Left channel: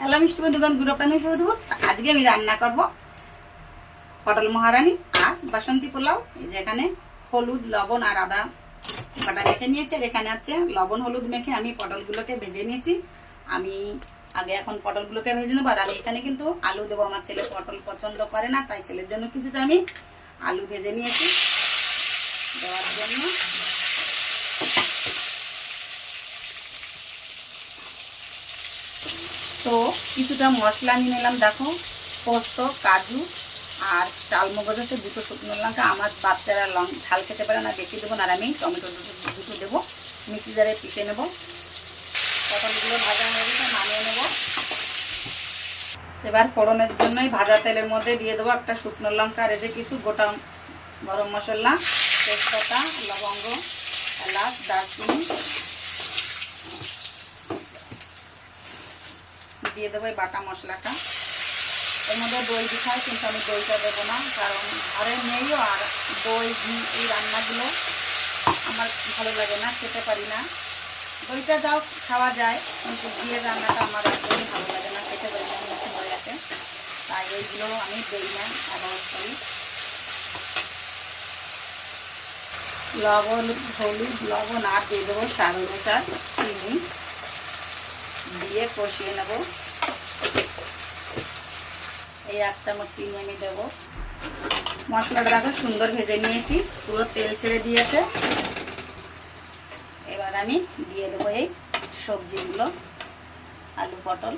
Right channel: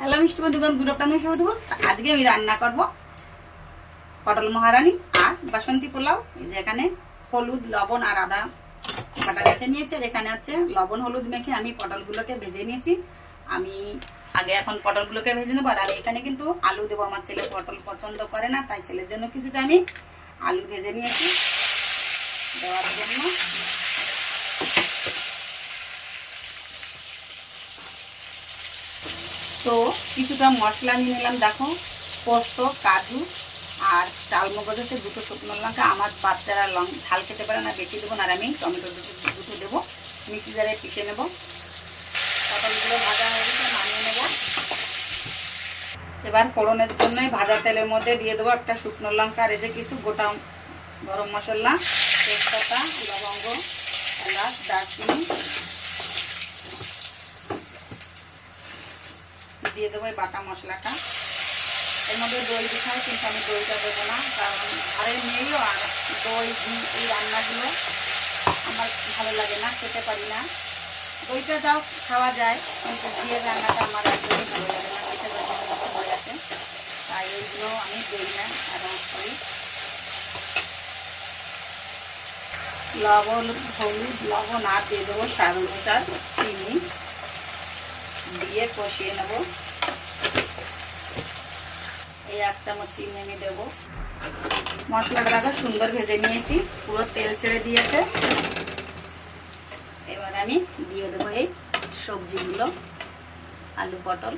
Hello মিষ্টি বন্ধুগণ, good afternoon সবাই। আজকে আমি রান্না করব পটল মহারানী আর বাসন্তী পোলাও। এই যে এখানে হলুদ, লবণ আর আদা বাটা রেখে নিয়েছি। আর এখানে আছে লবণ হলুদ মেখে আমি পটলগুলোকে ভেজে নিয়েছি। আমি আগে এখন পটলগুলোকে ভেজে নেবো। আর আমি এখানে কিন্তু আলু দেবো। আমার ছেলে পটল পছন্দ করে না, তাই ছেলের জন্য কিছুটা আমি আলু ভেজে নিয়েছি দেওয়ার জন্য। তো কিছুটা মশলা নিয়ে নিলাম, দেখো পোস্ত, কাজু আর চালমগজ হচ্ছে দুটো শুকনো লঙ্কা। আমার বাচ্চারা ঝাল খেতে পারে না, বেশি দেবো না। আর আমি টমেটো দুটো দেবো, মিক্সি জারে পিষে নেবো। পটলগুলো ভাজা হয়ে গেছে, নামিয়ে নেবো। এবার ফোড়নের জন্যই ভাজা তেলের মধ্যে দিয়ে দেবো একটা শুকনো লঙ্কা আর এই যে কিছু গোটা গরম মশলা, তেজপাতা, লবঙ্গ, এলাচ, দারচিনি দিয়ে দেবো এই বাটা মশলাটা। এর মধ্যে দই দিতে হয়, কিন্তু আমি দইটা দেবো না, কারণ ঘরে নেইও। আর দই ঘি এই রান্নাগুলো আমার ভালো লাগে না, খেতে পারি না। দইটা যাও খাওয়া যায়, কিন্তু ঘিয়ের রান্নাটা আমার একদমই ভালো লাগে না, খেতে পারি না, হয়ে গেছে। তাই এইগুলো আমি দিই না, অ্যাভয়েড করি। হলুদ, লবণ আর দিয়ে দেবো স্বাদ অনুসার চিনি দিয়ে কষিয়ে নেবো। এই 1 চামচ চিনি আমি দেবো। মশলাটা আগে সুন্দর ভেজে নিয়েছি, পুরো তেল ছেড়ে দিয়েছে। এবার আমি দিয়ে দেবো এই সবজিগুলো, আলু পটল।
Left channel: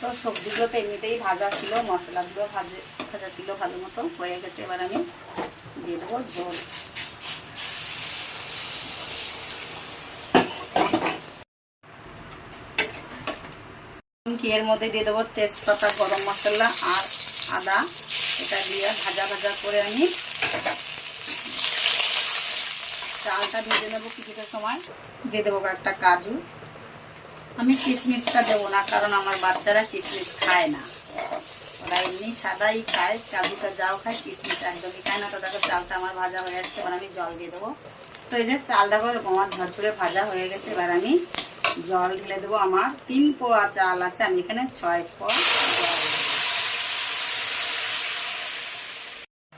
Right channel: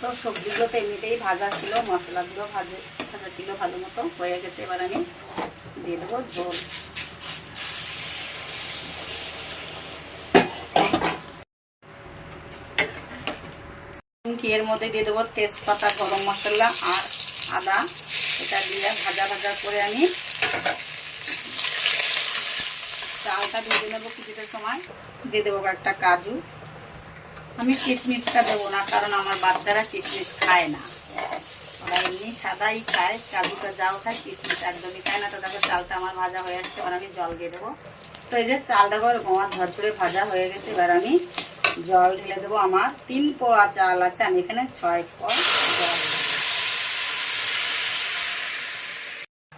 তো সবজিগুলো তো এমনিতেই ভাজা ছিল, মশলাগুলো ভাজা ছিল ভালো মতো, হয়ে গেছে। এবার আমি দিয়ে দেবো ঝোল। এর মধ্যে দিয়ে দেবো তেজপাতা, গরম মশলা আর আদা। এটা দিয়ে ভাজা ভাজা করে আমি চালটা ভেজে নেবো কিছুটা সময়। দিয়ে দেবো একটা কাজু। আমি কিশমিশটা দেবো না, কারণ আমার বাচ্চারা কিশমিশ খায় না, ওরা এমনি সাদাই খায়। কাজুটা যাও খায়, কিশমিশ একদমই খায় না। তো দেখো চালটা আমার ভাজা হয়ে যাচ্ছে, এবার আমি জল দিয়ে দেবো। তো এই যে চালটা করে গোমার ঝরঝরে ভাজা হয়ে গেছে, এবার আমি জল ঢেলে দেবো। আমার 3 পোয়া চাল আছে, আমি এখানে 6 পোয়া জল দেবো।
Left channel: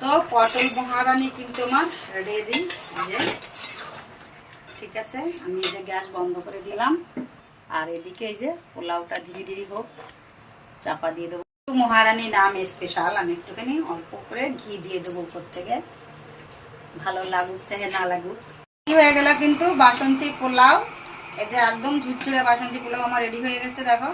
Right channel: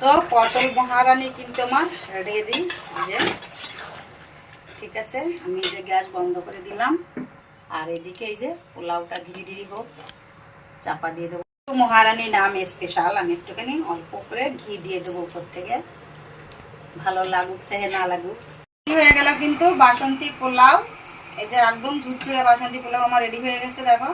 তো পটল মহারানী কিন্তু আমার রেডি। যে ঠিক আছে, আমি এই যে গ্যাস বন্ধ করে দিলাম। আর এদিকে এই যে পোলাওটা ধীরে ধীরে হোক, চাপা দিয়ে দেবো। মহারানী নাম স্পেশাল, আমি একটুখানি অল্প করে ঘি দিয়ে দেবো উপর থেকে, ভালো লাগুক চাহে না লাগুক। হয়ে গেল কিন্তু বাসন্তী পোলাও। এই যে একদম ঝুরঝুরে বাসন্তী পোলাও আমার রেডি হয়ে গেছে, দেখো।